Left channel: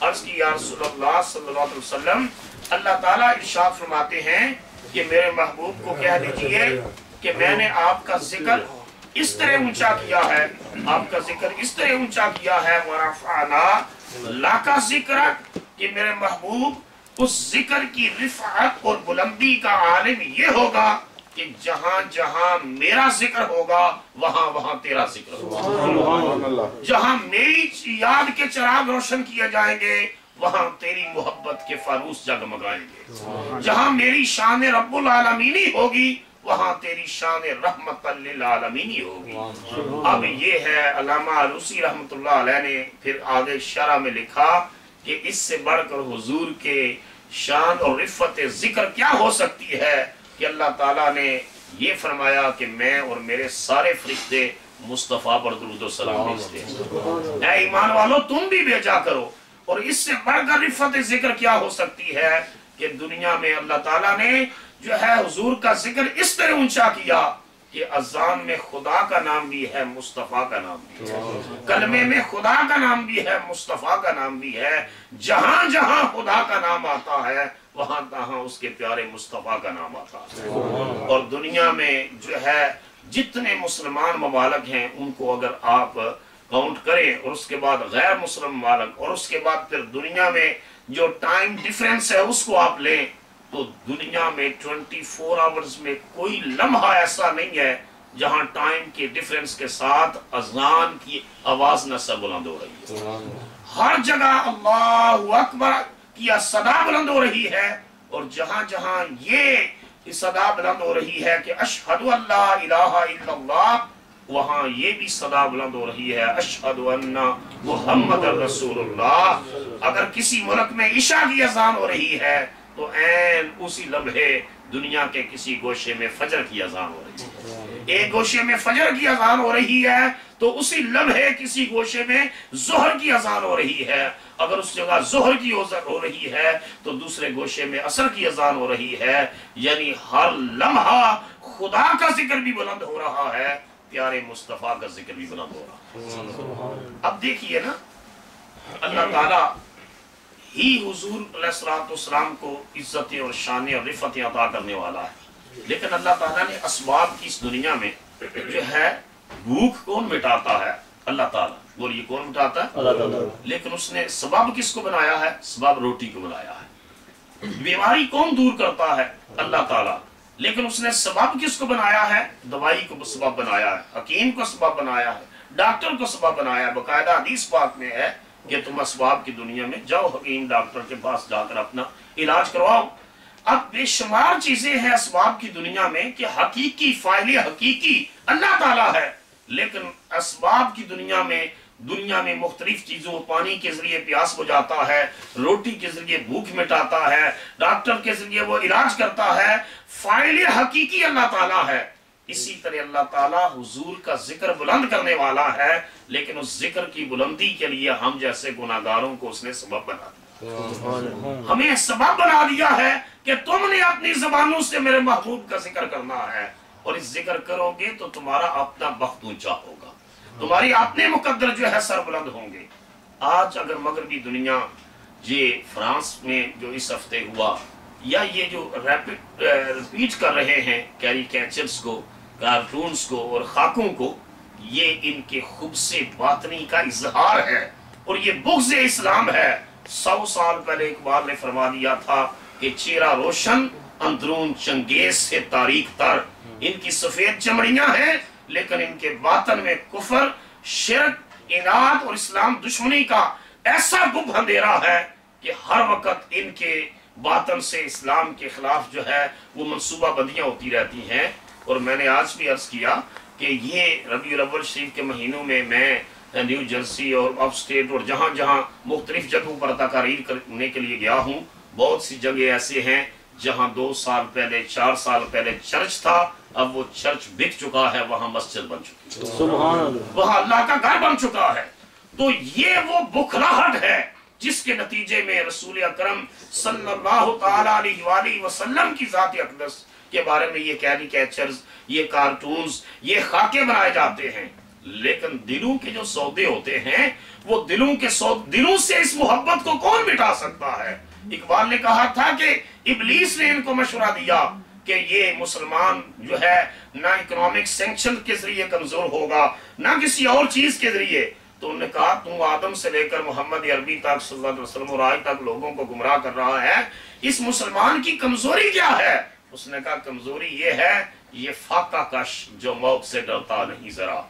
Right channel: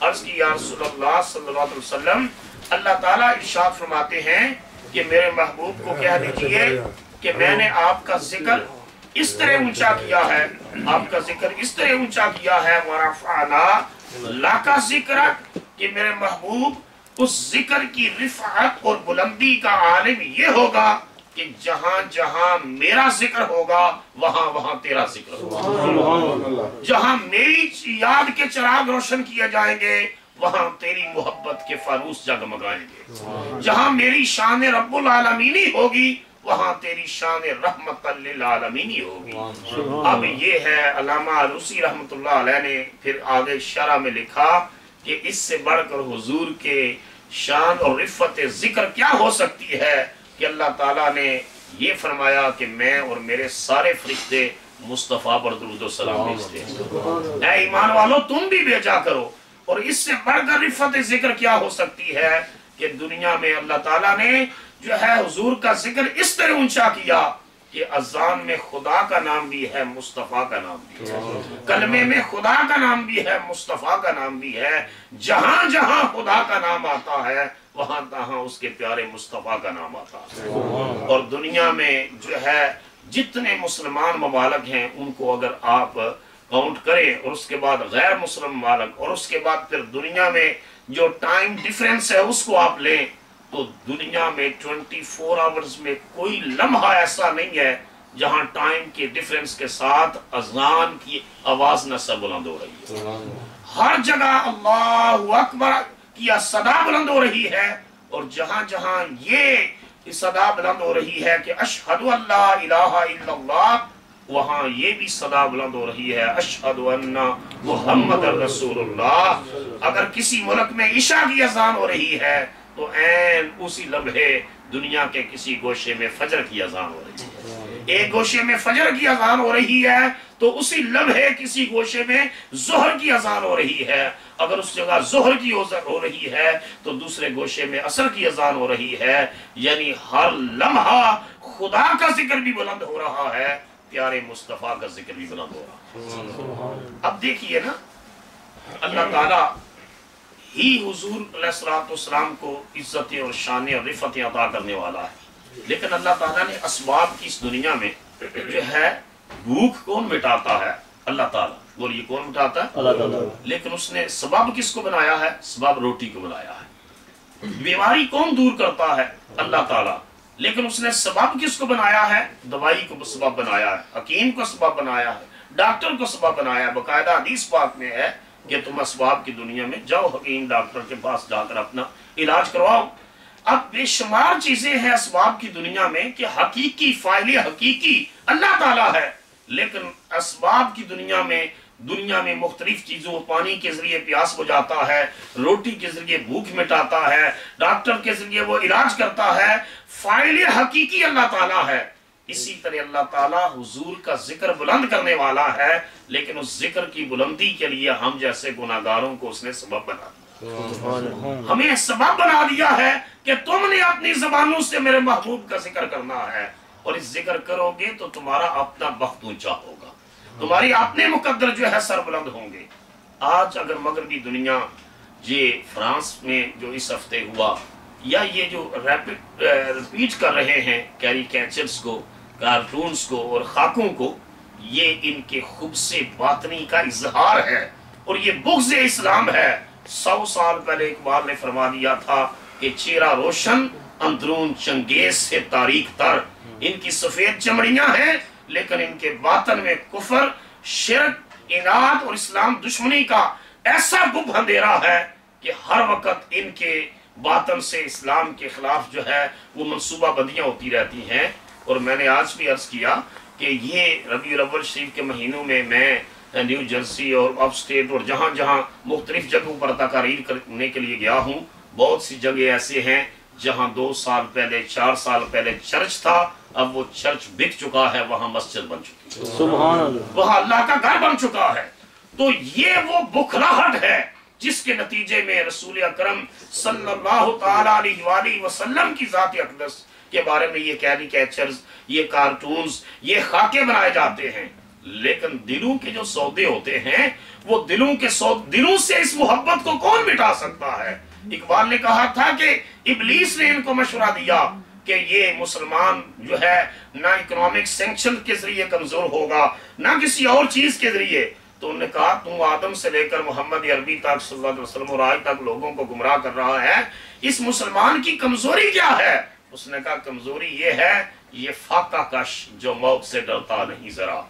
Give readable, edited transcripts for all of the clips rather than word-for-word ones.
عرض کی یا رسول اللہ صلی اللہ علیہ وسلم، اللہ تعالیٰ ارشاد فرماتے ہیں کہ میرے محبوب کو کہہ دیجئے کہ میں نے آپ کا ذکر اس طرح اونچا کیا ہے، آپ کا ذکر اس طرح اونچا کیا ہے، وَرَفَعْنَا لَكَ ذِكْرَكَ، کہ میرے محبوب اس ذکر کی رفعت اور بلندی کا عالم یہ ہوگا کہ جہاں جہاں میرا ذکر ہوگا وہاں وہاں تیرا ذکر ہوگا، جہاں میری یاد کے چراغ روشن کیے جائیں گے وہاں تیری محبت کے فانوس جگمگائیں گے، جہاں میری شان رب العالمینی ہوگی وہاں تیری شان رحمت للعالمینی ہوگی۔ اب یہ ہے علامہ علوسی رحمت اللہ علیہ نے پھر آگے شرح میں لکھا کہ اس سے بڑھ کر حضور کے شان اور رفت ذکر کیا ہو سکتی ہے کہ اللہ تعالیٰ نے یہ فرمایا کہ میں اور میرے سارے فرشتے مصطفیٰ پر درود و سلام بھیجتے ہیں، اے ایمان والو تم بھی بھیجا کرو۔ اور اس سے بڑھ کر رفت ذکر کیا ہو سکتی ہے کہ دنیا میں اللہ تعالیٰ نے جو ہے حضور کا ذکر اس طرح اونچا کیا کہ اذان میں خدا کا نام بھی ہے، مصطفیٰ کا نام بھی ہے، کلمے میں خدا کا نام بھی ہے، مصطفیٰ کا نام بھی ہے، جہاں جہاں خدا کا نام آتا ہے وہاں تہاں اس کے پیارے مصطفیٰ کا نام آتا ہے۔ اور دنیا میں جو ہے جتنے مسلمان ممالک ہیں ان کو اگر آپ کاؤنٹ کریں اور اس کے بعد غیر مسلم ممالک اور اس کے بعد پھر دنیا میں جو ٹائم ڈیفرنس ہے اس کو آپ لیں تو دنیا میں 24 آورز میں کوئی لمحہ ایسا نہیں ہے جہاں ٹائم کے ڈیفرنس کے ساتھ اذان کی آواز نہ سر بلند ہو رہی ہے، ہر جگہ اللہ اکبر کی صدا بلند ہو رہی ہے، اور جہاں جہاں یہ صدا بلند ہو رہی ہے کہ اشہد ان لا الہ الا اللہ، وہاں یہ بھی صدا بلند ہو رہی ہے اشہد ان محمد رسول اللہ۔ اگر کسی ملک میں عشاء کی اذان ہو رہی ہے تو عین اسی لمحے دنیا کے کسی گوشے میں فجر کی اذان ہو رہی ہے، ایک گوشے میں فجر کی اذان ہو رہی ہے تو اسی لمحے کسی گوشے میں ظہر کی اذان ہو رہی ہے، اگر اس جگہ ظہر کی اذان ہو رہی ہے تو دوسرے گوشے میں عصر کی اذان ہو رہی ہے، یعنی ہر لمحہ خدا کا ذکر بھی بلند ہو رہا ہے، پیارے مصطفیٰ کا ذکر بھی بلند ہو رہا ہے۔ اب دیکھیے نا، اللہ تعالیٰ ہی حضور علیہ السلام کو عزتیں اور شانیں اور رفتیں عطا کرنے والا ہے، لیکن اللہ تعالیٰ نے اسباب کی اس دنیا میں جو ہے بھوک کون مٹاتا ہے؟ اللہ تعالیٰ، بولیے کون مٹاتا ہے؟ اللہ تعالیٰ۔ لیکن اس نے سبب کس کو بنایا ہے؟ سبب روٹی کو بنایا ہے۔ بیماری کون دور کرتا ہے؟ اللہ تعالیٰ، لیکن اس نے سبب کس کو بنایا ہے؟ دوائی کو سبب بنایا ہے، حکیم کو سبب بنایا ہے، ڈاکٹر کو سبب بنایا ہے۔ باقاعدہ حدیث پاک میں ہے کہ تم اسباب کی دنیا میں جاؤ، حکیم ڈاکٹر کے پاس جا کر اپنا علاج کرواؤ۔ اب بے شمار چیزیں ہیں اسباب کی دنیا میں کہ حقیقی فاعل حقیقی اللہ تعالیٰ ہے، لیکن اسباب کی دنیا میں مختلف چیزوں، پانی کے ذریعے پیاس بجھاتا ہے، روٹی کے ذریعے بھوک مٹاتا ہے، ڈاکٹر کے ذریعے وہ علاج کرتا ہے، فاعل حقیقی اللہ تعالیٰ ہے۔ اسی طرح اللہ تعالیٰ حضور کا ذکر بلند کرنے والا ہے، لیکن اس ذکر کی بلندی کے لیے ہم جیسے گناہگاروں کو اس نے سبب بنا دیا، ہمیں سبب بنا دیا ہے کہ تم نے اپنی زبانوں سے میرے محبوب کا ذکر کرنا ہے، اور اس ذکر کرو گے تو تمہارا اپنا بخت اونچا ہوگا، تمہاری اپنے مقدر جو ہے سر بلند ہوں گے۔ آج اگر مغربی دنیا یہ فرانس میں جو اس ہفتے ہوا، یا یہ جو ریپیٹ کر رہے ہیں کیریکیچرز کو، کارٹونز کو اور خاکوں کو، یہ ان کے خبث باطنی کا اظہار ہے اور یہ بغض اسلام ہے۔ 100 سال پہلے اقبال نے فرما دیا تھا کہ چہرہ روشن اندرون چنگیز سے تاریک تر، ان کی سفید چمڑیاں ہیں لیکن ان کے باطن میں کفر، شرک، اناد اور اسلام دشمنی کا ایسا گب اندھیرا ہے کہ ہر وقت ان کے باطن سے اسلام کے خلاف جو ہے وہ منصوبہ بندیاں ہوتی رہتی ہیں۔ اور میں نے آج بھی عرض کیا کہ یہ ربیع الاول شریف کے مہینوں میں نیو جرسی اور اپ اسٹیٹ اور جہاں جہاں مختلف جگہوں پر تقاریر کرنے کے لیے گیا ہوں، بہت سی جگہ ایسے ہیں جہاں 2 سال پہلے 4 سال پہلے چرچ تھا، اب وہ چرچ بک چکا ہے، وہاں مسجد بن چکی ہے، سبحان اللہ، وہاں اللہ کا گھر بن چکا ہے۔ تو یہ وہ بکھلاہٹ ہے جس کے نتیجے میں رسول اکرم صلی اللہ تعالیٰ علیہ وآلہ وسلم کی ذات اقدس کے بارے میں یہ کیریکیچرز، یہ کارٹونز، یہ خاکے بنائے جاتے ہیں۔ لیکن دلوں کے جو سودے ہوتے ہیں وہ دلوں سے اس محبت کو کون مٹا سکتا ہے؟ اقبال نے کہا تھا کہ ابلیس نے ان کو مشورہ دیا کہ یہ مسلمان جو ہے نہ اکنامک سینکشن کے ذریعے کمزور ہوگا نہ کسی اور چیز کے ذریعے. تو انہوں نے کہا تم آدم سے لے کر محمد عربی تک صلی اللہ علیہ وسلم اور آج تک لوگوں کو گمراہ کر رہا ہے، اس مسلمان کی کمزوری کیا ہے؟ اس نے کہا کمزوری یہ ہے، یہ فاقہ کش جو موت سے ڈرتا نہیں ذرا،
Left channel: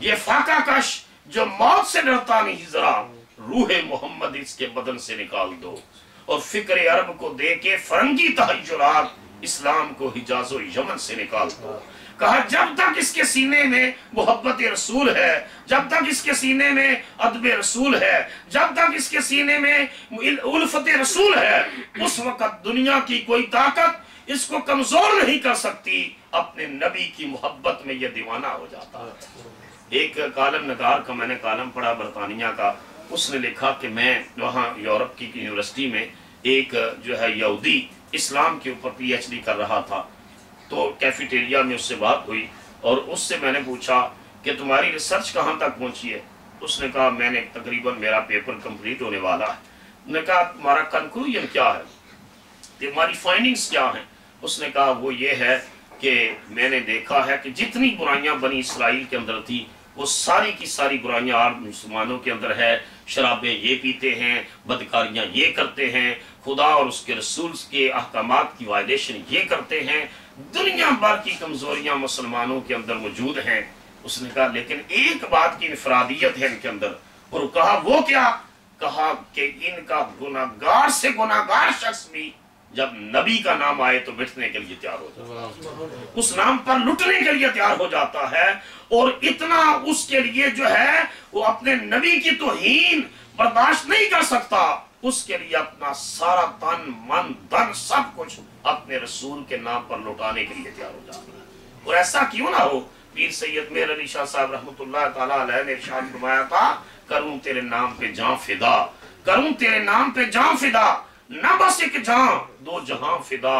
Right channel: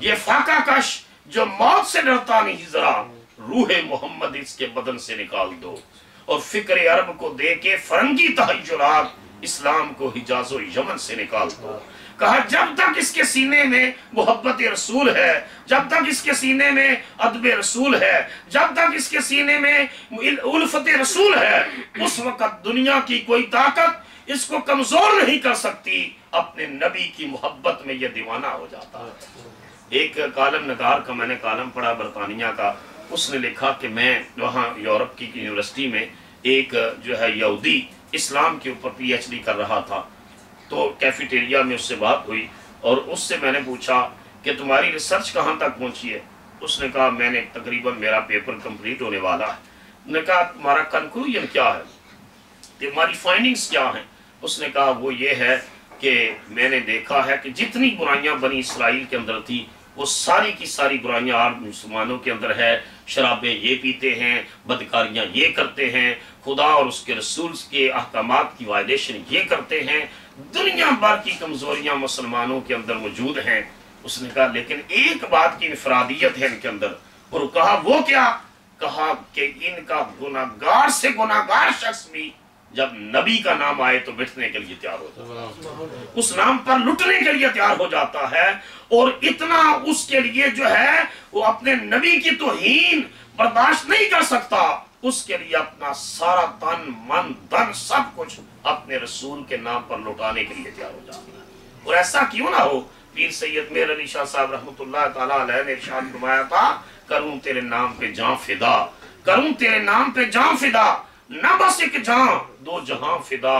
یہ فاقہ کش جو موت سے ڈرتا نہیں ذرا، روح محمد اس کے بدن سے نکال دو اور فکر عرب کو دے کے فرنگی تحیرات اسلام کو حجاز و یمن سے نکال دو. کہا جب تک اس کے سینے میں محبت رسول ہے، جب تک اس کے سینے میں ادب رسول ہے، جب تک اس کے سینے میں الفت رسول ہے، اس وقت دنیا کی کوئی طاقت اس کو کمزور نہیں کر سکتی. اپنے نبی کی محبت میں یہ دیوانہ ہو جاتا ہے. ایک کالم نگار کا میں نے کالم پڑھا برطانیہ کا، اس نے لکھا کہ میں وہاں یورپ کی یونیورسٹی میں ایک جو ہے یہودی اسلام کے اوپر پی ایچ ڈی کر رہا تھا. تو کیفیٹیریا میں اس سے بات ہوئی اور اس سے میں نے پوچھا کہ تمہاری ریسرچ کہاں تک پہنچی ہے؟ اس نے کہا میں نے تقریباً میرا پیپر کمپلیٹ ہونے والا ہے. نے کہا تمہارا کنکلوژن کیا ہے، تمہاری فائنڈنگز کیا ہیں؟ اس نے کہا وہ یہ ہے کہ میں نے دیکھا ہے کہ جتنی برائیاں بنی اسرائیل کے اندر تھی وہ ساری کی ساری برائیاں آج مسلمانوں کے اندر ہے. شرابیں یہ پیتے ہیں، بدکاریاں یہ کرتے ہیں، خدا اور اس کے رسول کے احکامات کی وائلیشن یہ کرتے ہیں، دنیا بھر کی کمزوریاں مسلمانوں کے اندر موجود ہیں. اس نے کہا لیکن ایک بات کی انفرادیت ہے ان کے اندر، اور کہا وہ کیا؟ کہا کہ ان کا گناہگار سے گناہگار شخص بھی جب نبی کا نام آئے تو مٹنے کے لیے تیار ہو جاتا ہے، اس نام پر لٹنے کے لیے تیار ہو جاتا ہے، اور اتنا اس کے لیے جو ہے وہ اپنے نبی کی توہین برداشت نہیں کر سکتا، اس کے لیے اپنا سارا تن من دن سب کچھ اپنے رسول کے نام پر لٹانے کے لیے تیار ہو جاتا ہے. اور ایسا کیوں نہ ہو، پیر سید میر علی شاہ صاحب رحمۃ اللہ تعالیٰ علیہ نے ارشاد فرمایا تھا کروں تیرے نام پہ جان فدا، کروں تیرے نام پہ جان فدا، نہ بس ایک جہاں دو جہاں فدا،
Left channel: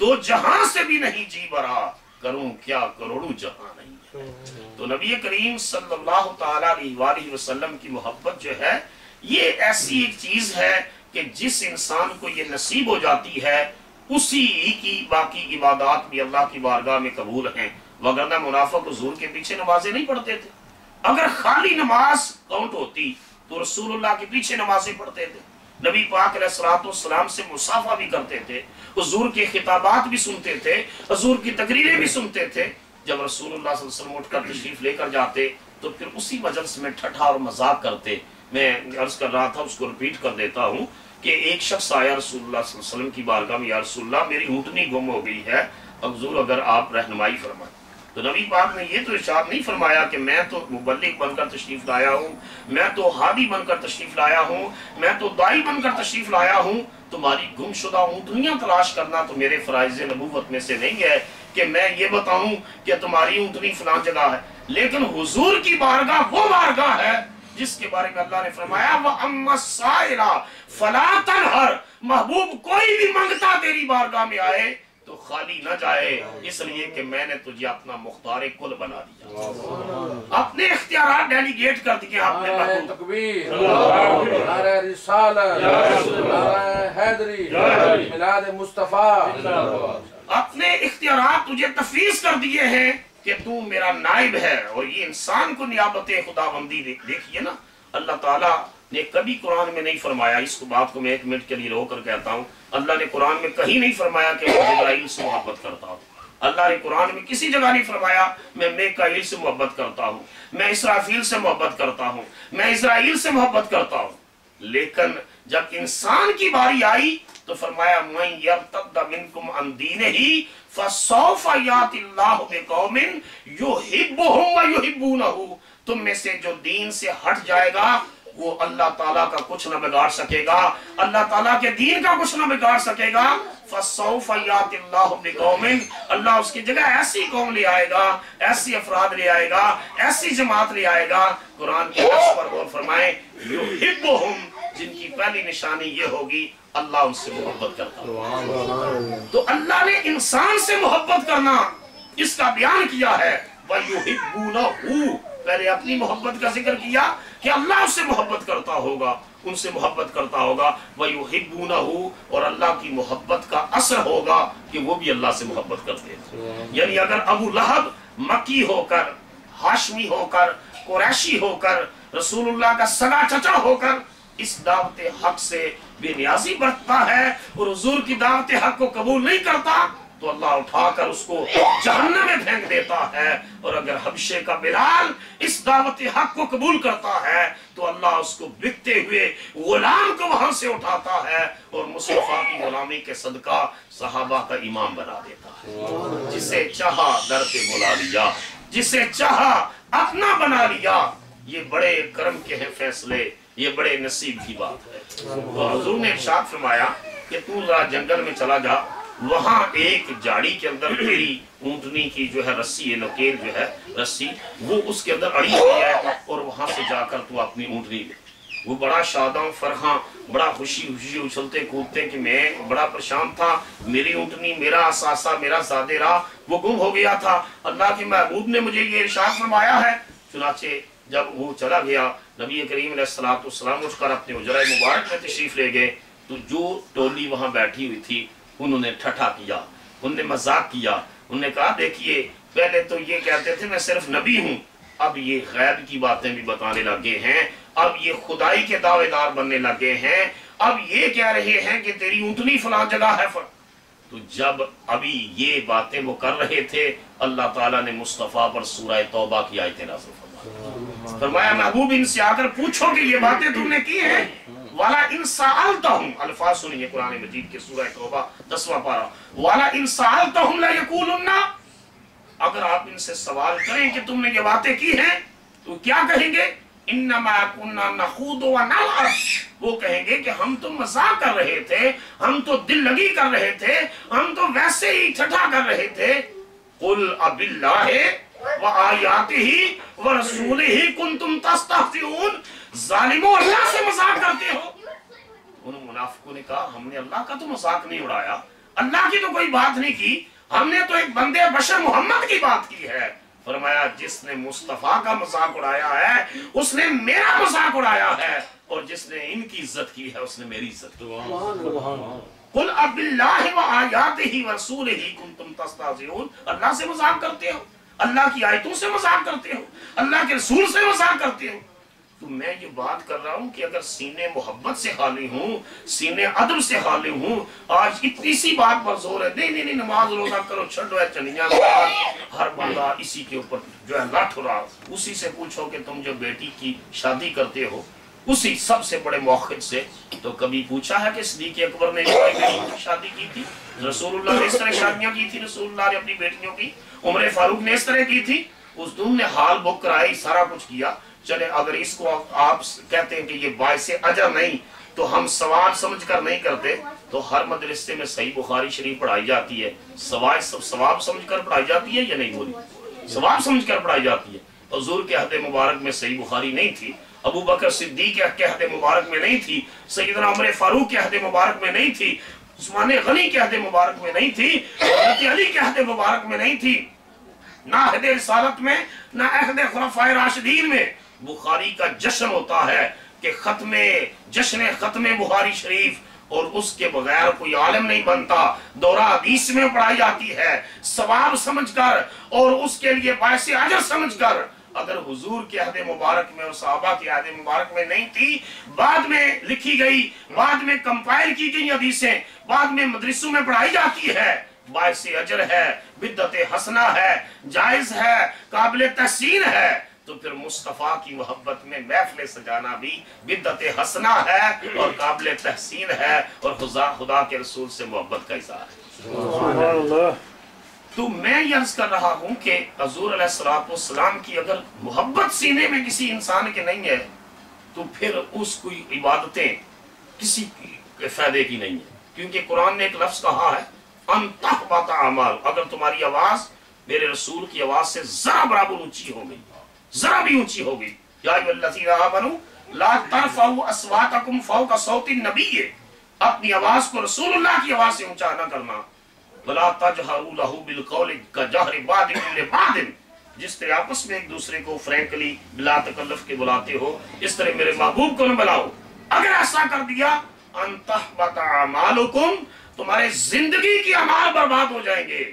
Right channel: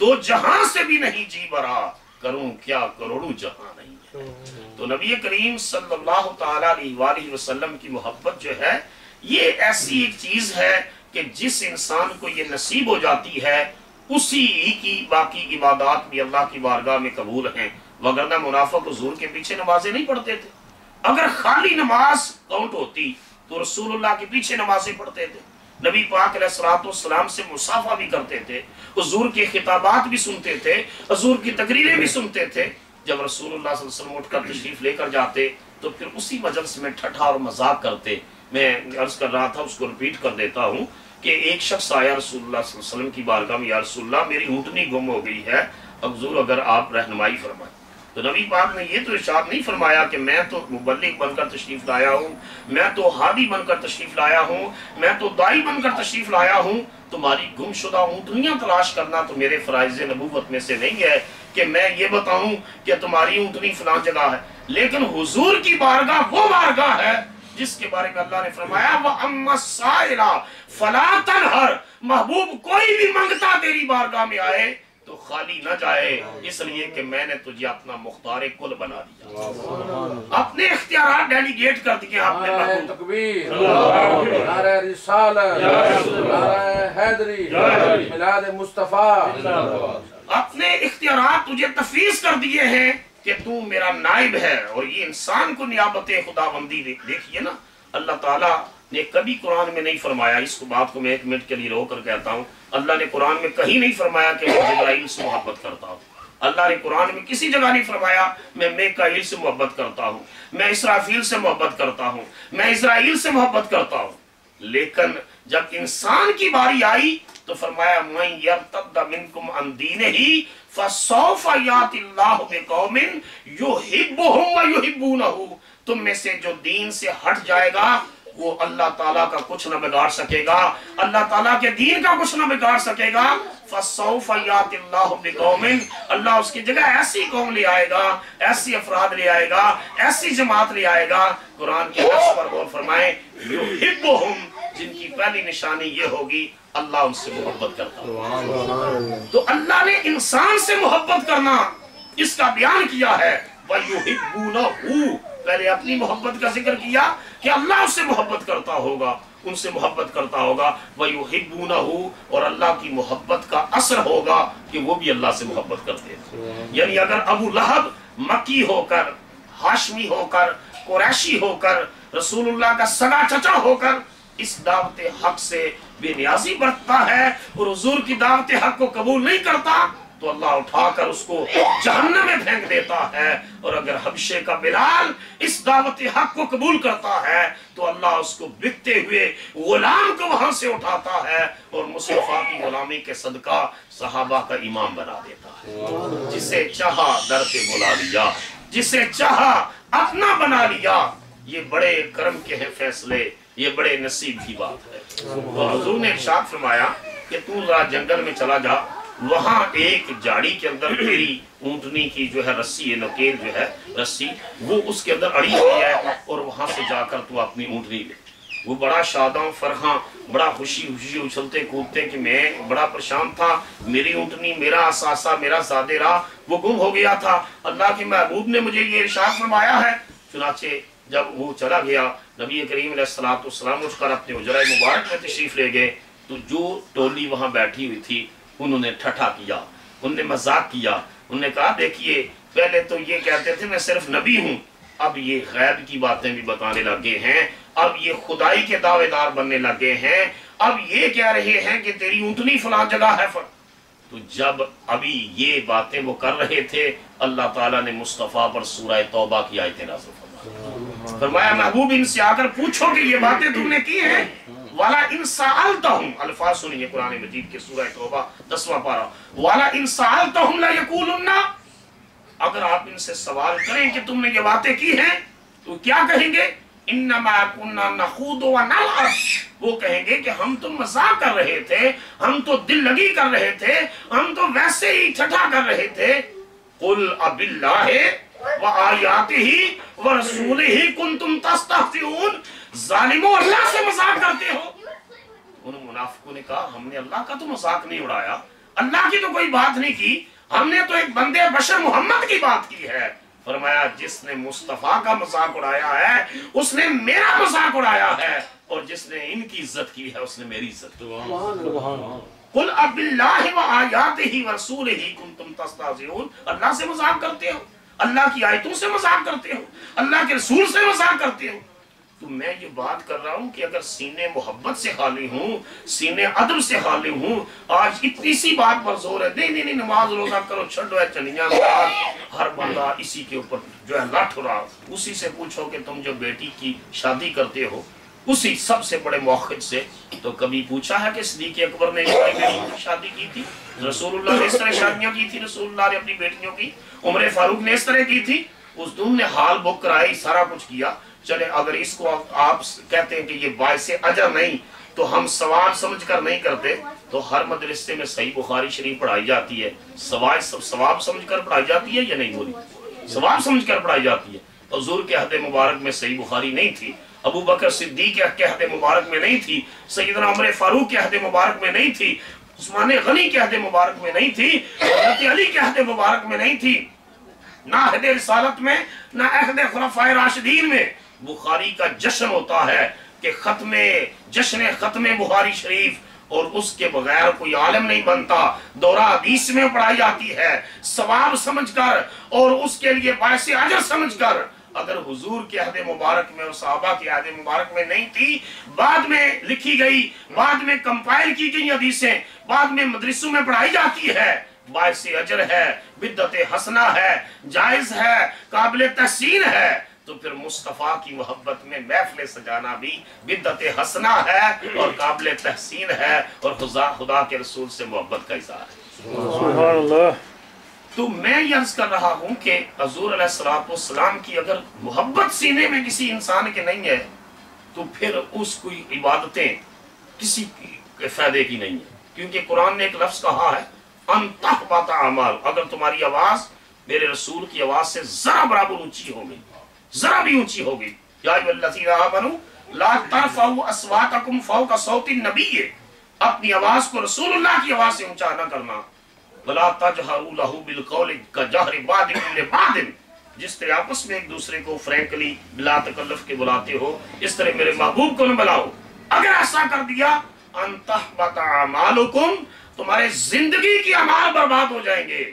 دو جہاں سے بھی نہیں جی برا، کروں کیا کروڑوں جہاں نہیں ہے. تو نبی کریم صلی اللہ تعالیٰ علیہ وآلہ وسلم کی محبت جو ہے یہ ایسی ایک چیز ہے کہ جس انسان کو یہ نصیب ہو جاتی ہے اسی کی باقی عبادات بھی اللہ کی بارگاہ میں قبول ہیں. وگرنہ منافق حضور کے پیچھے نمازیں نہیں پڑھتے تھے. اگر خالی نماز کاؤنٹ ہوتی تو رسول اللہ کے پیچھے نمازیں پڑھتے تھے، نبی پاک علیہ الصلوۃ والسلام سے مصافحہ بھی کرتے تھے، حضور کے خطابات بھی سنتے تھے، حضور کی تقریریں بھی سنتے تھے. جب رسول اللہ صلی اللہ علیہ وسلم اٹھ کر تشریف لے کر جاتے تو پھر اسی مجلس میں ٹھٹھا اور مذاق کرتے. میں عرض کر رہا تھا، اس کو ریپیٹ کر دیتا ہوں کہ ایک شخص آیا رسول اللہ صلی اللہ علیہ وسلم کی بارگاہ میں، یا رسول اللہ میری اونٹنی گم ہو گئی ہے، حضور اگر آپ رہنمائی فرمائیں. تو نبی پاک نے یہ تو ارشاد نہیں فرمایا کہ میں تو مبلغ بن کر تشریف لایا ہوں، میں تو ہادی بن کر تشریف لایا ہوں، میں تو دائی بن کر تشریف لایا ہوں، تمہاری گم شدہ اونٹنیاں تلاش کرنا تو میرے فرائض نبوت میں سے نہیں ہے کہ میں یہ بتاؤں کہ تمہاری اونٹنی فلاں جگہ ہے. لیکن حضور کی بارگاہ وہ بارگاہ ہے جس کے بارے میں اللہ نے فرمایا وَأَمَّا السَّائِلَ فَلَا تَنْهَرْ، محبوب کوئی بھی منگتا تیری بارگاہ میں آئے تو خالی نہ جائے، اس لیے کہ میں نے تجھے اپنا مختار کل بنا دیا، اپنے اختیارات ڈیلیگیٹ کر دیے. آپ نے نعرہ تکبیر، نعرہ رسالت، نعرہ حیدری، میلاد مصطفیٰ، اپنے اختیارات تجھے تفویض کر دیے ہیں کہ تو میرا نائب ہے. اور یہ انسان کو نیابت خداوندی دیکھیے نا، اللہ تعالیٰ نے کبھی قرآن میں نہیں فرمایا، اس بات کو میں ایک منٹ کے لیے رو کر کہتا ہوں، اللہ نے قرآن میں کہیں نہیں فرمایا کہ میں جبرائیل سے محبت کرتا ہوں. اللہ نے قرآن میں کسی جگہ نہیں فرمایا میں میکائیل سے محبت کرتا ہوں، میں اسرافیل سے محبت کرتا ہوں، میں اسرائیل سے محبت کرتا ہوں. لیکن جب انسان کی باری آئی تو فرمایا مَن یرتد منکم عن دینہ فسوف یأتی اللہ بقوم یحبہم ویحبونہ، تم میں سے جو دین سے ہٹ جائے گا وہ اللہ تعالیٰ کا کچھ نہ بگاڑ سکے گا، اللہ تعالیٰ کے دین کا کچھ نہ بگاڑ سکے گا. فَسَوْفَ يَأْتِ اللَّهُ بِقَوْمٍ، اللہ اس کی جگہ ایسی قوم لے آئے گا، ایسی افراد لے آئے گا، ایسی جماعت لے آئے گا. قرآن کے لفظ پر غور فرمائیں، يُحِبُّهُمْ، جن کی پہلی نشانی یہ ہوگی اللہ ان سے محبت کرتا ہے. تو اللہ نے انسان سے محبت کرنا اس کا بیان کیا ہے، وَيُحِبُّونَهُ، پہلے اپنی محبت کا ذکر کیا کہ اللہ اس سے محبت کرتا ہوگا، ان سے محبت کرتا ہوگا، وَيُحِبُّونَهُ، اور اللہ کی محبت کا اثر ہوگا کہ وہ بھی اللہ سے محبت کرتے ہیں۔ یعنی اگر ابو لہب مکی ہو کر، ہاشمی ہو کر، قریشی ہو کر، رسول اللہ کا سگا چچا ہو کر اس دعوت حق سے بے نیازی برتتا ہے اور حضور کی دعوت حق کو قبول نہیں کرتا تو اللہ اٹھا کر اس کو جہنم میں پھینک دیتا ہے، اور اگر حبشے کا بلال اس دعوت حق کو قبول کرتا ہے تو اللہ اس کو بکتے ہوئے غلام کو وہاں سے اٹھاتا ہے اور مصطفیٰ کی غلامی کے صدقہ صحابہ کا امام بنا دیتا ہے۔ جسے چاہا در پہ بلا لیا، جسے چاہا اپنا بنا لیا۔ یہ بڑے کرم کے ہیں فیصلے، یہ بڑے نصیب کی بات ہے۔ تو حضور نے ارشاد فرمایا کہ تو ذرا جنگل میں چلا جا، وہاں ایک جاڑی کے اندر تیری اونٹنی کی جو ہے رسی ہے، نکیل جو ہے رسی، وہ اس کے اندر اڑی ہوئی ہے، اور وہاں سے جا کر تو اپنی اونٹنی لے۔ وہ بڑا شاداں فرحاں، بڑا خوشی اچھلتے کودتے کہ میں بڑا پریشان تھا، میری اونٹنی، میرا اثاثہ، میرا زادے راہ وہ گم ہو گیا تھا، اللہ کے محبوب نے مجھے یہ ارشاد فرمایا ہے۔ چنانچہ جب وہ چلا گیا، نبی کریم علیہ السلام اٹھ کر اپنے حجرہ مبارک میں تشریف لے گئے، تو جو ٹولی وہاں بیٹھی ہوئی تھی انہوں نے ٹھٹھا کیا، انہوں نے مذاق کیا، انہوں نے کہا دیکھیے پہلے تو یہ کہتے تھے میں صرف نبی ہوں، اب یہ غیب کی باتیں بھی بتانے لگے ہیں، اب یہ خدائی کے دعوے دار بننے لگے ہیں، اب یہ کہہ رہے ہیں کہ تیری اونٹنی فلاں جگہ ہے۔ تو جب ابھی یہ باتیں وہ کر رہے تھے، اللہ تعالیٰ نے مصطفیٰ پر سورہ توبہ کی آیتیں نازل فرمائی۔ فرمایا محبوب ان سے آ کر پوچھو کہ یہ باتیں تم نے کی ہیں، والا ان سألتہم، الفاظ سنیے قرآن مجید کے سورہ توبہ 10واں پارہ، والا ان سألتہم لا یقولن، اگر آپ ان سے سوال کریں کہ تم نے یہ باتیں کی ہیں تو کیا کہیں گے؟ انما کنا نخوض ونلعب، وہ کہیں گے کہ ہم تو مذاق کر رہے تھے، ہم تو دل لگی کر رہے تھے، ہم تو ویسے ہی ٹھٹھا کر رہے تھے۔ قل اب اللہ وآیاتہ ورسولہ کنتم تستہزئون، ظالموں اللہ سے مذاق کرتے ہو۔ ان منافقوں نے کہا ہم نے اللہ کا تو مذاق نہیں اڑایا، اللہ کی تو کوئی بات نہیں کی، ہم نے تو ایک بندے بشر محمد کی بات کی ہے۔ فرمایا جس نے مصطفیٰ کا مذاق اڑایا ہے اس نے میرا مذاق اڑایا ہے، اور جس نے ان کی عزت کی ہے اس نے میری عزت کی۔ قل اب اللہ وآیاتہ ورسولہ کنتم تستہزئون، اللہ سے مذاق کرتے ہو، اللہ کی آیتوں سے مذاق کرتے ہو، اللہ کے رسول سے مذاق کرتے ہو۔ تو میں یہ بات کر رہا ہوں کہ اگر سینے محبت سے خالی ہوں، سینے ادب سے خالی ہوں، آج اتنی سی بات پر زور ہے، نہیں نماز روزہ کرو، چھڑو ہے چنیاں، ہر بندہ اسی کے اوپر جو ہے لٹ ہو رہا، اسی سے پوچھو کہ تم جو بیٹی کی شادی کرتے ہو اسی سب سے بڑے موقف سے تو کبھی پوچھا ہے کہ صدیق اکبر نے اپنی بیٹی کی شادی کی تھی؟ رسول اللہ نے اس طرح شادیاں کی تھی، رسول اللہ نے اپنی بیٹیوں کی، عمر فاروق نے اس طرح کی تھی، اس دن نے حال بک کرائی، سارا کچھ کیا۔ چلے اگر اس کو آپ کہتے ہیں کہ یہ باعث اجر نہیں تو ہم ثواب سمجھ کر نہیں کرتے، تو ہر مدرسے میں صحیح بخاری شریف پڑھائی جاتی ہے، ثواب سمجھ کر پڑھائی جاتی ہے یا نہیں بولی؟ ثواب سمجھ کر پڑھائی جاتی ہے۔ حضور کے عہد مبارک میں صحیح بخاری نہیں تھی، ابو بکر صدیق کے عہد مبارک میں نہیں تھی، سیدنا عمر فاروق کے عہد مبارک میں نہیں تھی، عثمان غنی کے عہد مبارک میں نہیں تھی، حضرت علی کے عہد مبارک میں نہیں تھی، نہ عہد رسالت میں نہ عہد خلفائے راشدین میں۔ بخاری کا جشن ہوتا ہے کہ جشن ختم بخاری شریف، اور اس کے بغیر کوئی عالم نہیں بنتا، دورہ حدیث میں پڑھائی جاتی ہے ثواب سمجھ کر اور اس کے لیے باعث اجر سمجھ کر۔ اگر حضور کے عہد مبارک میں اور صحابہ کے عہد مبارک میں نہیں تھی، بعد میں لکھی گئی، بعد میں کمپائل کی گئی حدیثیں بعد میں مدرسوں میں پڑھائی جاتی ہے، باعث اجر ہے، بدعت حسنہ ہے، جائز ہے، قابل تحسین ہے، تو پھر مصطفیٰ کی محبت میں محفل سجانا بھی بدعت حسنہ ہے اور قابل تحسین ہے، اور خدا کے رسول سے محبت کا اظہار ہے۔ سبحان اللہ۔ تو میں یہ عرض کر رہا ہوں کہ حضور علیہ السلام کی اگر محبت سینے میں کسی انسان کے نہیں ہے تو پھر اس کی عبادتیں کسی فائدے کی نہیں ہے، کیونکہ قرآن نے ایک لفظ کہا ہے ان تحبط اعمال، اگر تمہاری آواز میرے رسول کی آواز سے ذرا برابر اونچی ہو گئی، ذرا بھی اونچی ہو گئی، یا ایھا الذین آمنوا لا ترفعوا اصواتکم فوق صوت النبی، اپنی آواز کو رسول اللہ کی آواز سے اونچا نہ کرنا، ولا تجہروا لہ بالقول کجہر بعضکم لبعض، جس طرح آپس میں ایک دوسرے کو فرینکلی بلا تکلف کے بلاتے ہو اس طرح میرے محبوب کو نہ بلاؤ. اگر ایسا کر دیا انتحبط اعمالکم تمہارے زندگی کی اعمال برباد ہو جائیں گے.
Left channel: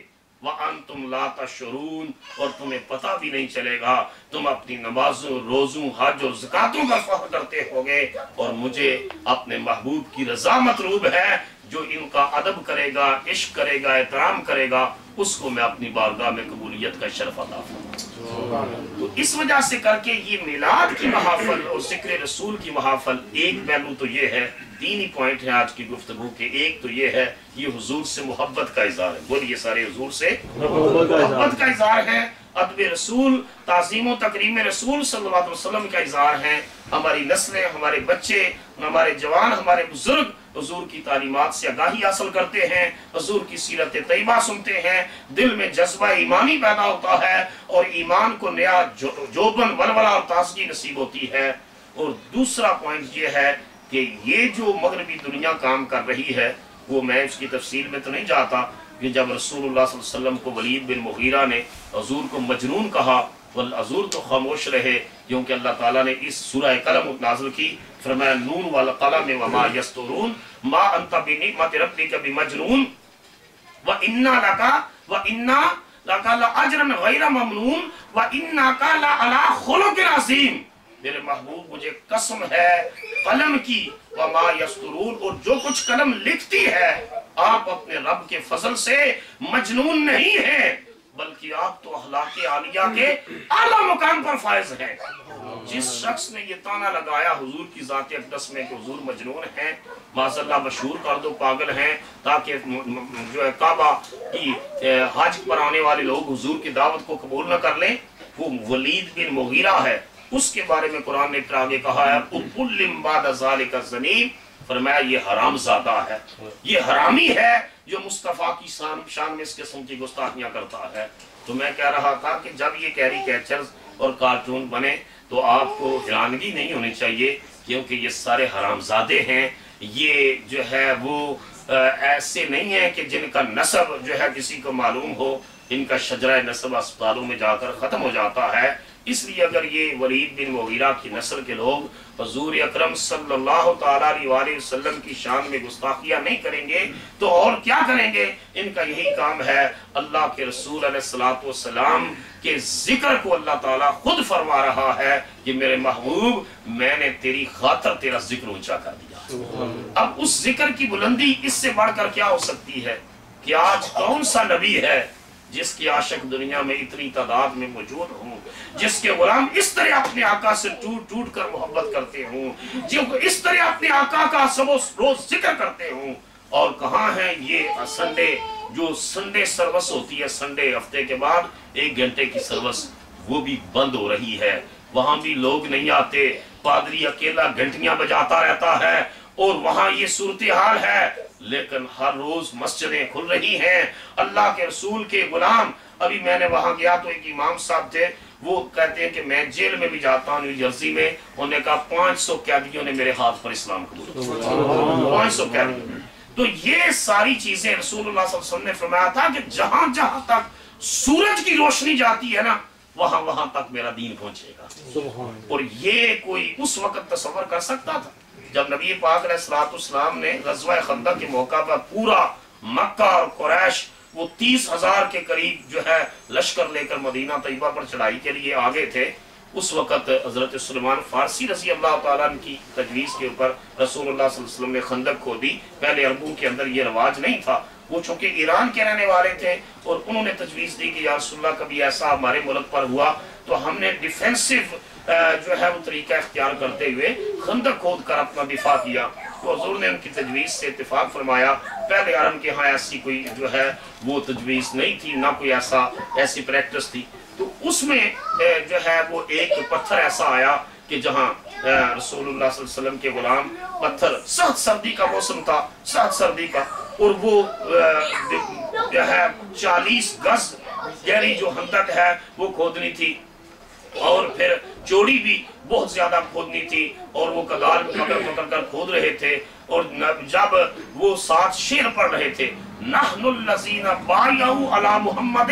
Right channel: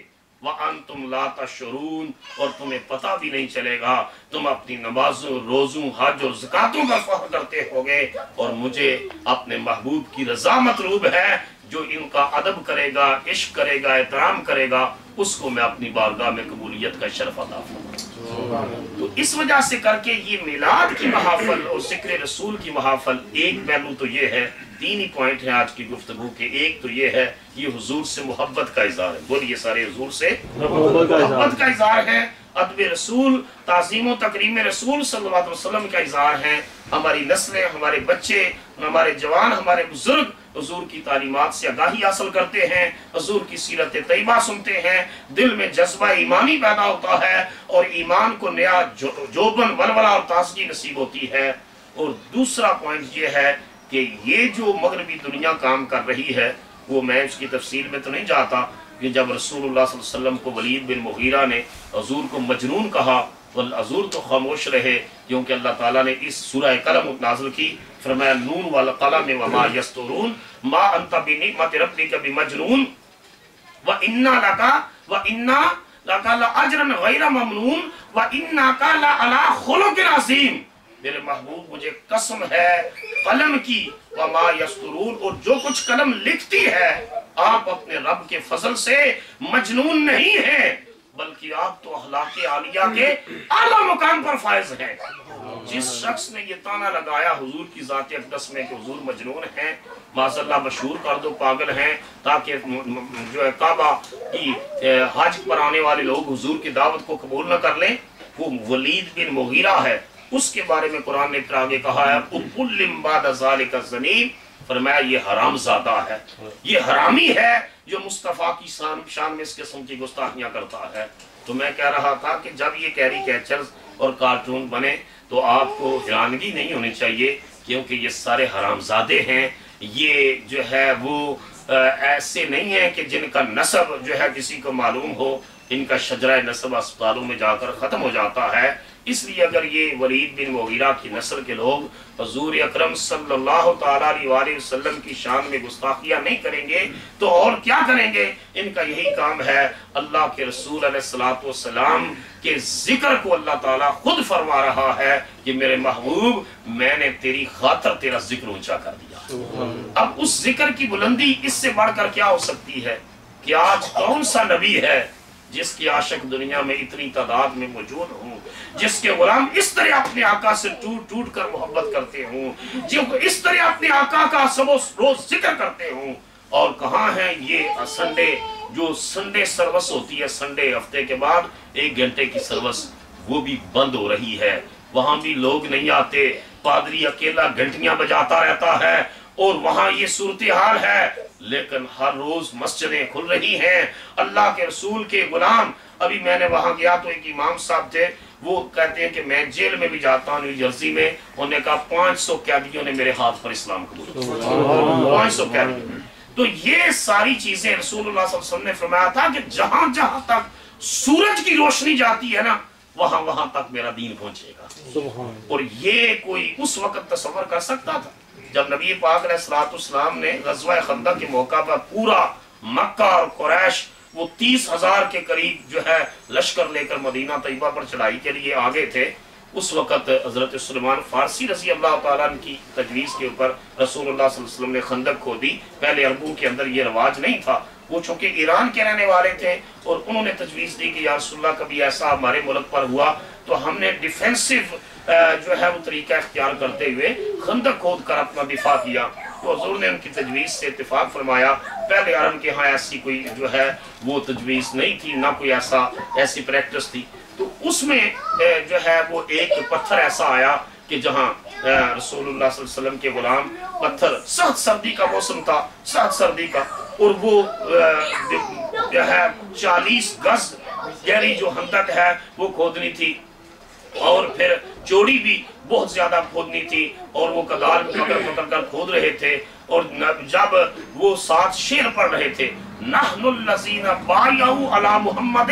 وَأَنْتُمْ لَا تَشْعُرُونَ اور تمہیں پتہ بھی نہیں چلے گا. تم اپنی نمازوں روزوں حج اور زکاتوں کا فخر کرتے ہوگے اور مجھے اپنے محبوب کی رضا مطلوب ہے. جو ان کا ادب کرے گا عشق کرے گا احترام کرے گا اس کو میں اپنی بارگاہ میں قبولیت کا شرف عطا فرماؤں. تو اس وجہ سے کر کے یہ میلاد کی محافل اور ذکر رسول کی محافل ایک پہلو تو یہ ہے. تین ہی پوائنٹ ہیں آج کی گفتگو کے. ایک تو یہ ہے یہ حضور سے محبت کا اظہار ہے. بولیے سارے حضور سے محبت کا اظہار ہے. ادب رسول تعظیم و تکریم رسول صلی اللہ علیہ وسلم کا اظہار ہے. ہماری نسلیں ہمارے بچے ہمارے جوان ہمارے بزرگ حضور کی تعلیمات سے آگاہی حاصل کرتے ہیں. حضور کی سیرت طیبہ سنتے ہیں. دل میں جذبہ ایمانی پیدا ہوتا ہے اور ایمان کو نیا جوبن ولولہ اور تازگی نصیب ہوتی ہے. اور دوسرا پوائنٹ یہ ہے کہ یہ جو مغربی دنیا کام کر رہی ہے وہ میں اس کی تفصیل میں تو نہیں جاتا کہ جب رسول اللہ صلی اللہ علیہ وسلم کو ولید بن مغیرہ نے حضور کو مجنون کہا حضور تو خاموش رہے کیونکہ اللہ تعالیٰ نے اس سورہ قلم نازل کی. فرمایا نون والقلم وما یسطرون ما انت بنعمت ربک بمجنون وَإِنَّا لَكَ لَأَجْرًا غَيْرَ مَمْنُونَ وَإِنَّكَ لَعَلَىٰ خُلُقٍ عَظِيمٍ. میرے محبوب مجھے قسم ہے قلم کی وما یسطرون اور جو کچھ قلم لکھتی ہے آپ اپنے رب کے فضل سے مجنون نہیں ہیں بلکہ آپ تو اخلاق عالیہ کے اعلیٰ مقام پر فائز ہیں. جس شخص نے یہ تانا لگایا حضور کی ذات اقدس میں کہ حضور مجنون ہیں معاذ اللہ مشہور کر دو پاگل ہیں تاکہ جو ہے کعبہ کی حج پر آنے والے لوگ حضور کی دعوت کو قبول نہ کر لیں, وہ ولید بن مغیرہ ہے. اس کے بارے میں قرآن نے پھر آگے کہا ہے اُبُلِّمْ بَعْدَ ذَلِكَ الزَّنِيمِ فرمایا یہ حرام زادہ ہے یہ حرامی ہے جو مصطفیٰ کی شان میں اس قسم کی گستاخیاں کرتا ہے. تو میں کہہ رہا تھا کہ جب یہ کیریکیچرز اور کارٹون بنے تو آپ کو حیرانگی نہیں ہونی چاہیے کیونکہ یہ سارے حرام زادے ہیں. یہ جو ہے وہ ایسے نہیں ہیں کہ جن کا نسب جو ہے کسی کو معلوم ہو. ان کا شجرہ نسب اسپتالوں میں جا کر ختم ہو جاتا ہے. اس لیے اگر یہ ولید بن مغیرہ کی نسل کے لوگ حضور اکرم صلی اللہ تعالیٰ علیہ وسلم کی شان میں گستاخیاں نہیں کریں گے تو اور کیا کریں گے. ان کا یہی کام ہے. اللہ کے رسول علیہ السلام کے ذکر کو اللہ تعالیٰ خود فرما رہا ہے کہ میرے محبوب میں نے تیری خاطر تیرا ذکر اونچا کر دیا. اب اس ذکر کی بلندی اس سے بڑھ کر کیا ہو سکتی ہے کہ آج کون سا نبی ہے جس کی عاشق دنیا میں اتنی تعداد میں موجود ہوں, جس کے غلام اس طرح اپنے آقا سے ٹوٹ ٹوٹ کر محبت کرتے ہوں, جن کو اس طرح اپنے آقا کا سب روز ذکر کرتے ہوں. اور کہاں ہے یہ سنڈے جو سنڈے سروس ہوتی ہے سنڈے ہفتے کے بعد 1 گھنٹے کی سروس وہ بھی بند ہو رہی ہے. وہاں بھی لوگ نہیں آتے. پادری اکیلا گھنٹیاں بجاتا رہتا ہے اور وہاں یہ صورتحال ہے. لیکن ہر روز مسجدیں کھل رہی ہیں. اللہ کے رسول کے غلام. ابھی میں نے وہاں گیا تو ایک امام صاحب تھے وہ کہتے ہیں کہ میں جیل میں بھی جاتا ہوں نیو جرسی میں. انہوں نے کہا 500 قیدیوں نے میرے ہاتھ پر اسلام قبول کیا. 500 قیدیوں. تو یہ ساری چیزیں رسول اللہ صلی اللہ علیہ وسلم نے فرمایا تھا کہ جہاں جہاں تک سورج کی روشنی جاتی ہے نا وہاں وہاں تک میرا دین پہنچے گا. اور یہ کوئی اس وقت تصور کر سکتا تھا جب نبی پاک علیہ السلام نے غزوہ خندق کے موقع پر پورا مکہ اور قریش وہ 30,000 کے قریب جو ہے لشکر لے کر مدینہ طیبہ پر چڑھائی کے لیے آگے تھے. اس وقت حضرت سلیمان فارسی رضی اللہ تعالیٰ عنہ کی تجویز کے اوپر رسول اللہ صلی اللہ علیہ وسلم نے خندق کھودی. پہلے عربوں کے اندر یہ رواج نہیں تھا. وہ چونکہ ایران کے رہنے والے تھے اور انہوں نے تجویز دی کہ یا رسول اللہ کبھی ایسا ہمارے ملک پر ہوا تو ہم نے ڈیفینسو جو ہے وہ طریقہ اختیار کرتے ہوئے خندق کھود کر اپنا دفاع کیا. تو حضور نے ان کی تجویز سے اتفاق فرمایا. پہلے عرب کے ہاں ایسی کوئی جو ہے وہ تجویز نہیں تھی, نہ کوئی ایسی پریکٹس تھی. تو اس میں جو ہے وہ ایک پتھر ایسا آیا کہ جہاں رسول اللہ صلی اللہ علیہ وسلم کے غلام پتھر سخت سردی کا موسم تھا سخت سردی کا اور وہ جو ہے 40 گز گہری جو خندق ہے وہ کھودنی تھی اور پھر چوڑی بھی بہت زیادہ کھودنی تھی اور وہ کدال پکڑ کر کھود رہے تھے. اور جب وہ 7 شعر پڑھ رہے تھے نحن الذین بایعوا علی محمد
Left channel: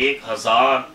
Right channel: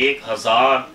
1000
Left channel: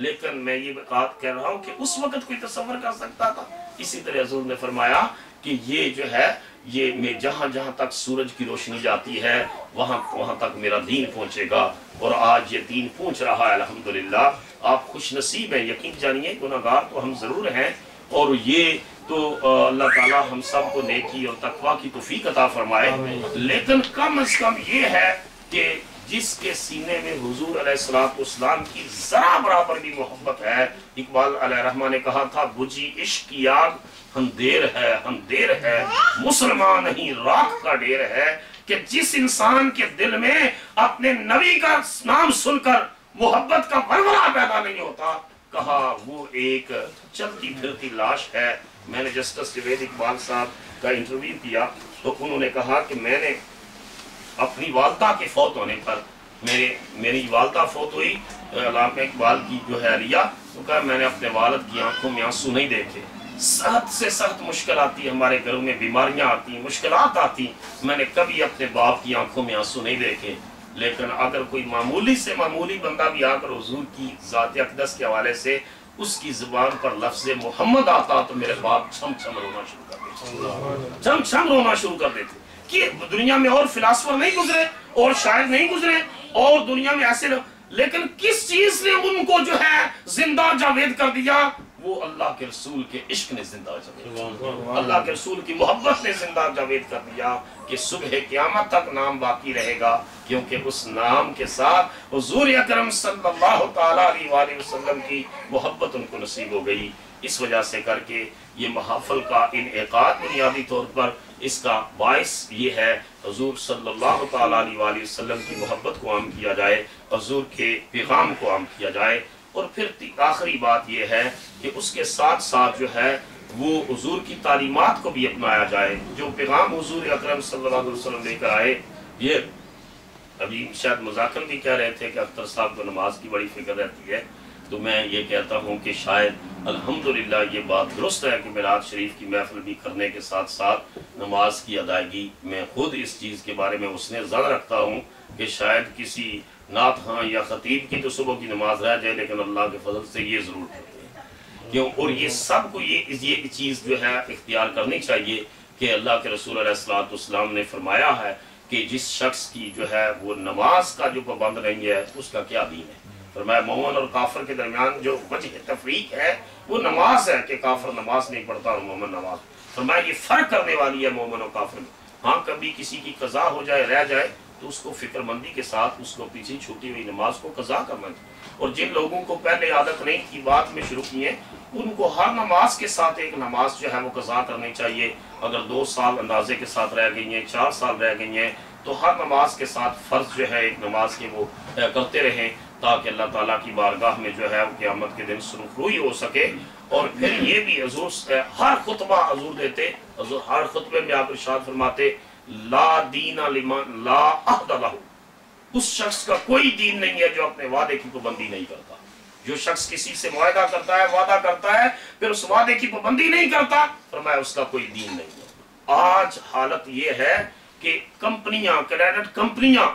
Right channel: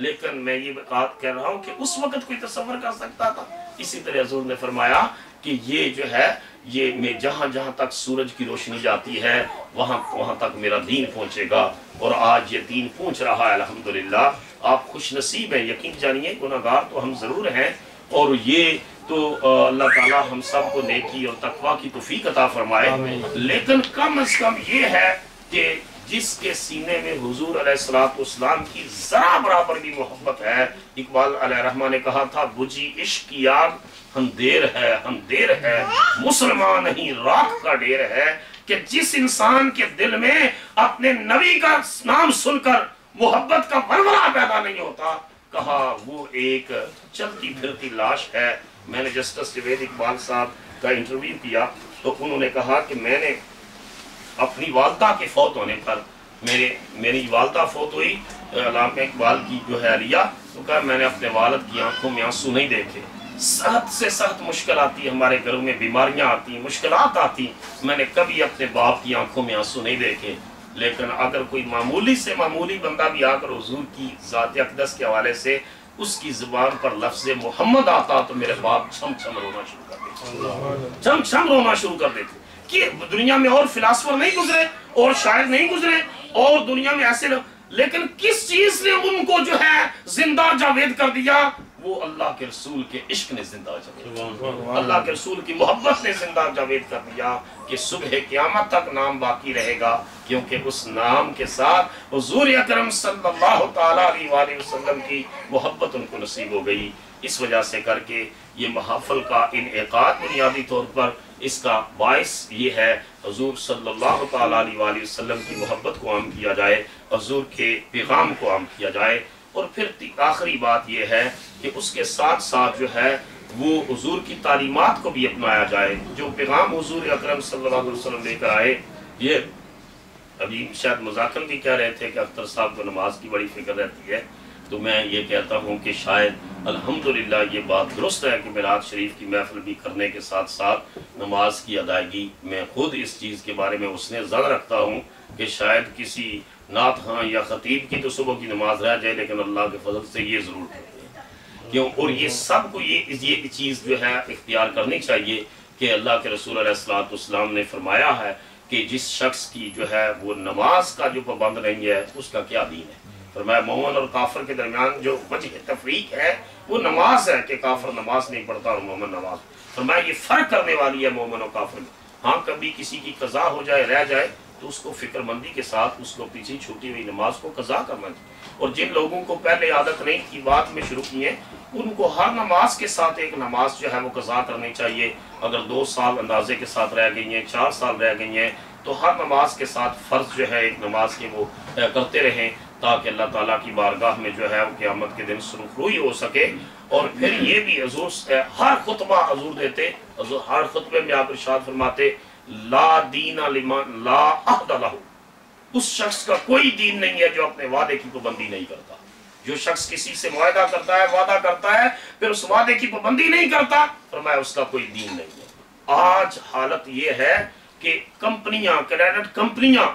لیکن میں یہ بات کہہ رہا ہوں کہ اس وقت کوئی تصور کر سکتا تھا؟ اسی طرح حضور نے فرمایا کہ یہ جو ہے یہ میں جہاں جہاں تک سورج کی روشنی جاتی ہے وہاں تک میرا دین پہنچے گا، اور آج یہ دین پہنچ رہا ہے الحمدللہ۔ آپ خوش نصیب ہیں، یقین جانیے گناہگار تو ہم ضرور ہیں، اور یہ تو اللہ تعالیٰ ہم سب کو نیکی اور تقویٰ کی توفیق عطا فرمائے، لیکن کم از کم یہ ہے کہ جس کے سینے میں حضور علیہ السلام کی ذرا برابر بھی محبت ہے، اقبال علیہ رحمہ نے کہا تھا بجھی عشق کی آگ اندھیر ہے مسلمان نہیں رات کا ڈیر ہے، کہ جس انسان کے دل میں اپنے نبی کا نام سن کر محبت کا ورورہ پیدا نہیں ہوتا، کہا وہ ایک چلتی پھرتی لاش ہے۔ میں نے جسٹس جوید اقبال صاحب کا انٹرویو کیا تو انہوں نے کہا کہ میں نے اپنی والدہ کے فوت ہونے پر میری والدہ فوت ہوئی، علامہ اقبال کی جو ہے علیہ، تو کہا میں نے اپنے والد کی آنکھوں میں آنسو نہیں دیکھے۔ سخت سے سخت مشکل آتی ہے، ہمارے گھروں میں بیماریاں آتی ہیں، مشکلات آتی ہیں، میں نے کبھی اپنے باپ کی آنکھوں میں آنسو نہیں دیکھے۔ لیکن اگر کوئی معمولی سے معمولی بندہ بھی آ کر حضور کی ذات اقدس کے حوالے سے اس کی زبان پر لفظ محمد آتا تو میرے باپ چھم چھم رونا شروع کر دیتے، چھم چھم رونا شروع کر دیتے کہ دنیا میں اور فلاسفر نہیں گزرے اور شاعر نہیں گزرے اور دنیا میں ایسے لیکن کس چیز نے ان کو جو ہے زندہ جاوید کر دیا؟ وہ اللہ کے رسول کے عشق نے زندہ جاوید کر دیا، اللہ کے رسول کی محبت نے زندہ جاوید کر دیا کہ صبح قیامت تک نام باقی رہے گا، کیونکہ اس نام کے ساتھ حضور اکرم صلی اللہ تعالیٰ علیہ وسلم کی محبت ان کو نصیب ہو گئی۔ اس وجہ سے کر کے یہ محافل کا انعقاد بنیادی طور پر اس کا باعث یہ ہے حضور صلی اللہ تعالیٰ علیہ وسلم کی محبت کو عام کیا جائے، حضور کے پیغام کو عام کیا جائے، اور پھر آخری بات یہ ہے کہ اس کے ساتھ ساتھ جو ہے وہ حضور کی تعلیمات کو بھی اپنایا جائے، جو پیغام حضور اکرم صلی اللہ علیہ وسلم لے کر آئے۔ یہ ابھی شاید مذاکر بھی کہہ رہے تھے کہ اختر صاحب کو نماز کی بڑی فکر رہتی ہے، تو میں یہ کہتا ہوں کہ شاید الحمدللہ یہ بات درست ہے کہ میلاد شریف کی محفل بھی کرنے کے ساتھ ساتھ نماز کی ادائیگی، میں خود اس چیز کے بارے میں اس نے زن رکھتا ہوں کہ شاید کسی نعت خواں یا خطیب کی تو صبح کی نماز رہ جائے، لیکن اللہ کے فضل سے یہ ضرور کرتے ہیں کیوں، اور یہ سب کو یہ چیز جو ہے اختیار کرنی چاہیے کہ اللہ کے رسول علیہ السلام نے فرمایا ہے کہ جس شخص کی جو ہے وہ نماز کا جو پابند نہیں ہے اس کا کیا دین ہے۔ فرمایا مومن اور کافر کے درمیان جو وجہ تفریق ہے وہ نماز ہے کہ کافر نماز نہیں پڑھتا اور مومن نماز۔ فرمایا یہ فرق کرنے والی ہے مومن اور کافر میں۔ ہاں کبھی کسی کی قضا ہو جائے رہ جائے تو اس کو فکر مندی کے ساتھ اس کو پیچھے چھوٹی ہوئی نماز کو قضا کرنا چاہیے، اور جن لوگوں کو پہلے عادت نہیں تھی بعد میں شروع کی ہے ان کو ہر نماز کے ساتھ ایک نماز جو ہے وہ قضا کرنی چاہیے۔ اگر 2 سال اندازے کے ساتھ رہ گئی ہیں، 4 سال رہ گئی ہیں، تو ہر نماز کے ساتھ فرض جو ہے ایک نماز کے وہ کرتے رہیں تاکہ اللہ تعالیٰ کی بارگاہ میں جو ہے وہ قیامت کے دن سرخروئی ہو سکے۔ اور پھر یہ بھی حضور ہر خطبہ حضور دیتے، حضور ہر خطبے میں آپ ارشاد فرماتے لا دین لمن لا عہد لہ، اس شخص کا کوئی دین نہیں ہے جو اپنے وعدے کی پابندی نہیں کرتا۔ جو شخص کسی سے معاہدہ کرتا ہے، وعدہ کرتا ہے، پھر اس وعدے کی پابندی نہیں کرتا، فرمایا اس کا کوئی دین نہیں ہے۔ آج حالت یہ ہے کہ کمپنیاں، کریڈٹ کمپنیاں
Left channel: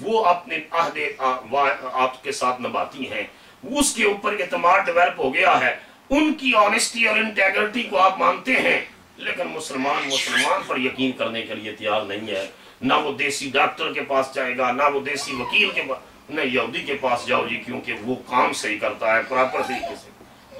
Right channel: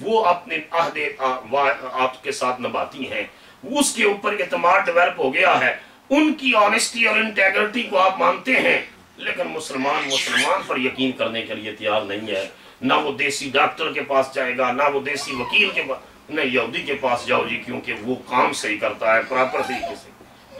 وہ اپنے عہد کے ساتھ نبھاتی ہیں، اس کے اوپر اعتماد ڈیولپ ہو گیا ہے، ان کی آنیسٹی اور انٹیگریٹی کو آپ مانتے ہیں، لیکن مسلمان پر یقین کرنے کے لیے تیار نہیں ہے۔ نہ وہ دیسی ڈاکٹر کے پاس جائے گا، نہ وہ دیسی وکیل کے پاس، نہ یہودی کے پاس جاؤ جی، کیونکہ وہ کام صحیح کرتا ہے پراپر طریقے سے۔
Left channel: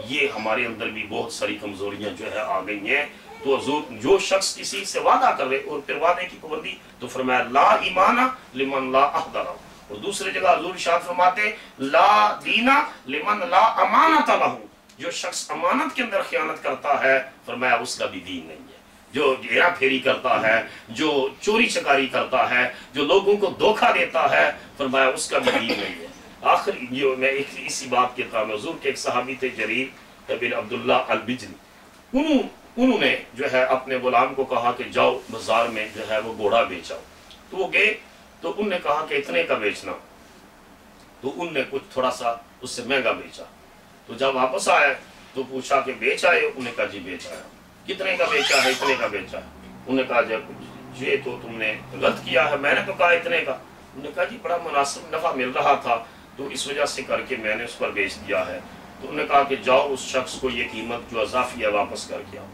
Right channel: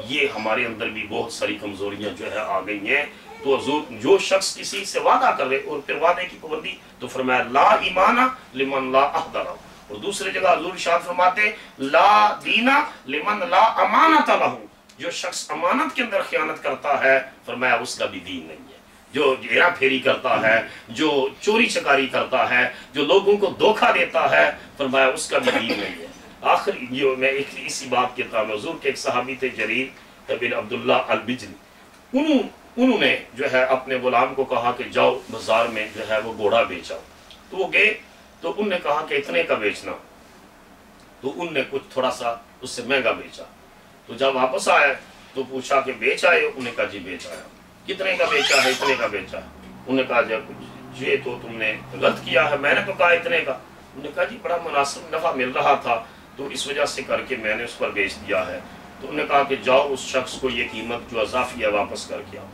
یہ ہمارے اندر بھی بہت ساری کمزوریاں جو ہے آ گئی ہیں۔ تو حضور جو شخص کسی سے وعدہ کر رہے اور پھر وعدے کی پابندی، تو فرمایا لا ایمان لمن لا عہد لہ، اور دوسری جگہ حضور ارشاد فرماتے لا دین لمن لا امانت لہ، جو شخص امانت کے اندر خیانت کرتا ہے فرمایا اس کا بھی دین نہیں ہے۔ جو ہیرا پھیری کرتا ہے، جو چوری چکاری کرتا ہے، جو لوگوں کو دھوکہ دیتا ہے، فرمایا اس کا بھی دین نہیں ہے۔ آخری جو میں اسی بات کہتا ہوں، حضور کے ایک صحابی تھے جریر بن عبداللہ البجلی، انہوں نے جو ہے اپنے غلام کو کہا کہ جاؤ بازار میں جو ہے وہ گھوڑا بیچاؤ، تو وہ گئے تو انہوں نے کہا کہ اتنے کا بیچنا، تو انہوں نے کچھ تھوڑا سا اس سے مہنگا بیچا، تو جب واپس آئے تو پوچھا کہ بیچ آئے ہو؟ انہوں نے کہا جی بیچ آیا۔ کتنے کا بیچا ہے؟ اتنے کا بیچا ہے۔ انہوں نے کہا جب یہ تو تم نے غلط کیا ہے، میں نے تو کہا اتنے کا۔ انہوں نے کہا جی بڑا مناسب نفع مل رہا تھا تو اس وجہ سے کر کے میں نے اس پر بیچ دیا ہے۔ تو انہوں نے کہا کہ جاؤ اس شخص کو یہ قیمت جو اضافی ہے واپس کر کے آؤ۔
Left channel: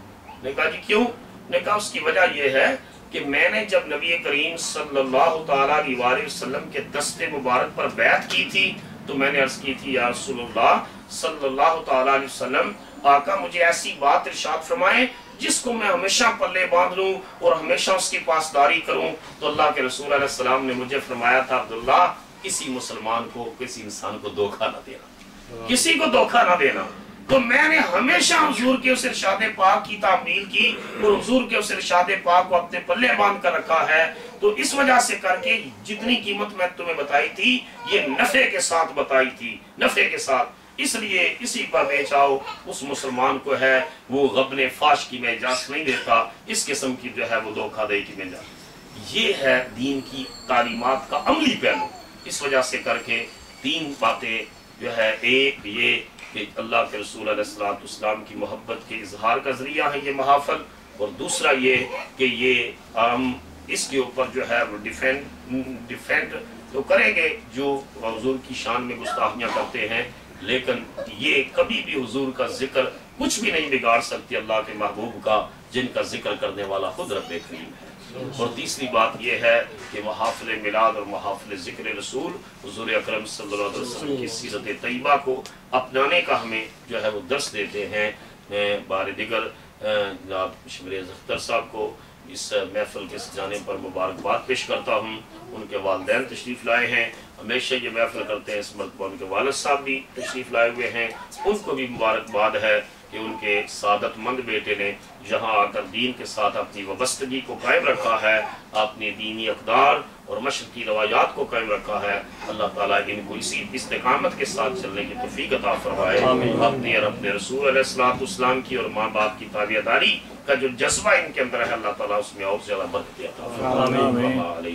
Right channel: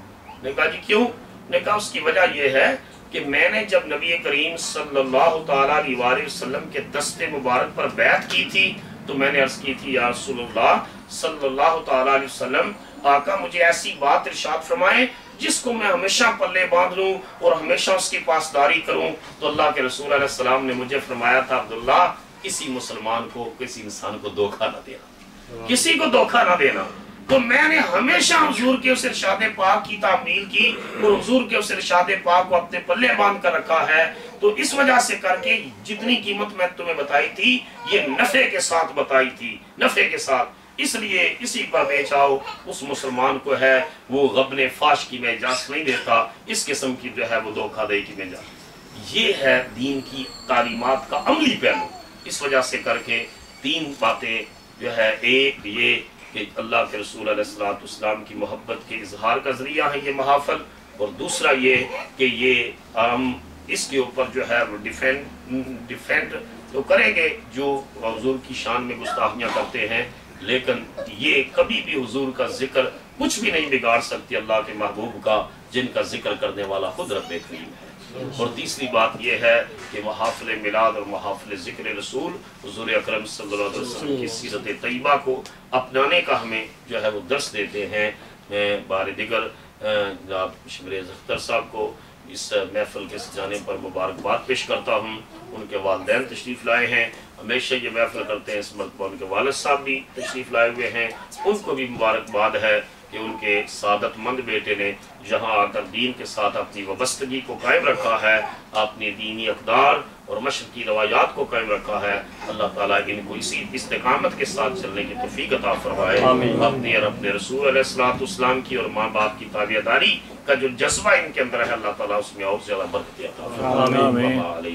نے کہا جی کیوں؟ نے کہا اس کی وجہ یہ ہے کہ میں نے جب نبی کریم صلی اللہ تعالیٰ علیہ وسلم کے دست مبارک پر بیعت کی تھی تو میں نے عرض کی تھی یا رسول اللہ صلی اللہ تعالیٰ علیہ وسلم، آقا مجھے ایسی بات ارشاد فرمائیں جس کو میں ہمیشہ پلے باندھ لوں اور ہمیشہ اس کی پاسداری کروں۔ تو اللہ کے رسول علیہ السلام نے مجھے فرمایا تھا عبداللہ کسی مسلمان کو، کسی انسان کو دھوکہ نہ دینا، کسی کو دھوکہ نہ دینا۔ تو میں نے ہمیشہ حضور کے اس ارشاد پاک کی تعمیل کی اور حضور کے اس ارشاد پاک کو اپنے پلے باندھ کر رکھا ہے۔ تو اس وجہ سے کر کے جتنی قیمت میں تمہیں بتائی تھی یہ نفع کے ساتھ بتائی تھی، نفع کے ساتھ، اس لیے اسی پر بیچ آؤ۔ اس مسلمان کو ہے وہ غبن فاش کی میں اجازت نہیں دیتا، اس قسم کی جو ہے وہ دھوکہ دہی کی میں اجازت۔ یہ ہے دین کی تعلیمات کا عملی پہلو۔ اس وجہ سے کر کے تین باتیں جو ہے، ایک یہ کہ اللہ کے رسول علیہ السلام کی محبت کے اظہار کا ذریعہ ہے یہ محافل، اور دوسرا یہ کہ یہ ہم اس کے اوپر جو ہے وہ ڈیفینڈ تو کریں گے جو حضور کی شان میں گستاخیاں کرتے ہیں، لیکن یہ کبھی بھی حضور کا ذکر کچھ بھی نہیں بگاڑ سکتی اللہ کے محبوب کا، جن کا ذکر کرنے والا خود رب کریم ہے۔ اور تیسری بات یہ ہے کہ محافل میلاد اور محافل ذکر رسول حضور اکرم صلی اللہ علیہ وسلم کی سیرت طیبہ کو اپنانے کا ہمیں جو ہے وہ درس دیتے ہیں۔ میں بار دیگر جناب شمریز اختر صاحب کو اس محفل کے سجانے پر مبارکباد پیش کرتا ہوں۔ ان کے والدین تشریف لائے ہیں، ہمیشہ یہ محفل کرتے ہیں، اس مرتبہ ان کے والد صاحب بھی تشریف لائے ہوئے ہیں، ان کو بھی مبارکباد ہے کہ ان کے سعادت مند بیٹے نے یہاں آ کر دین کے ساتھ اپنی وابستگی کو قائم رکھا ہے، اپنی دینی اقدار اور مشرقی روایات کو قائم رکھا ہے۔ اللہ تعالیٰ ان کو اسی استقامت کے ساتھ چلنے کی توفیق عطا فرمائے، اپنے اور اپنے رسول علیہ السلام کی اور ماں باپ کی تابعداری کا جو جذبہ ان کے اندر ہے اللہ تعالیٰ اس میں اور زیادہ برکت عطا فرمائے۔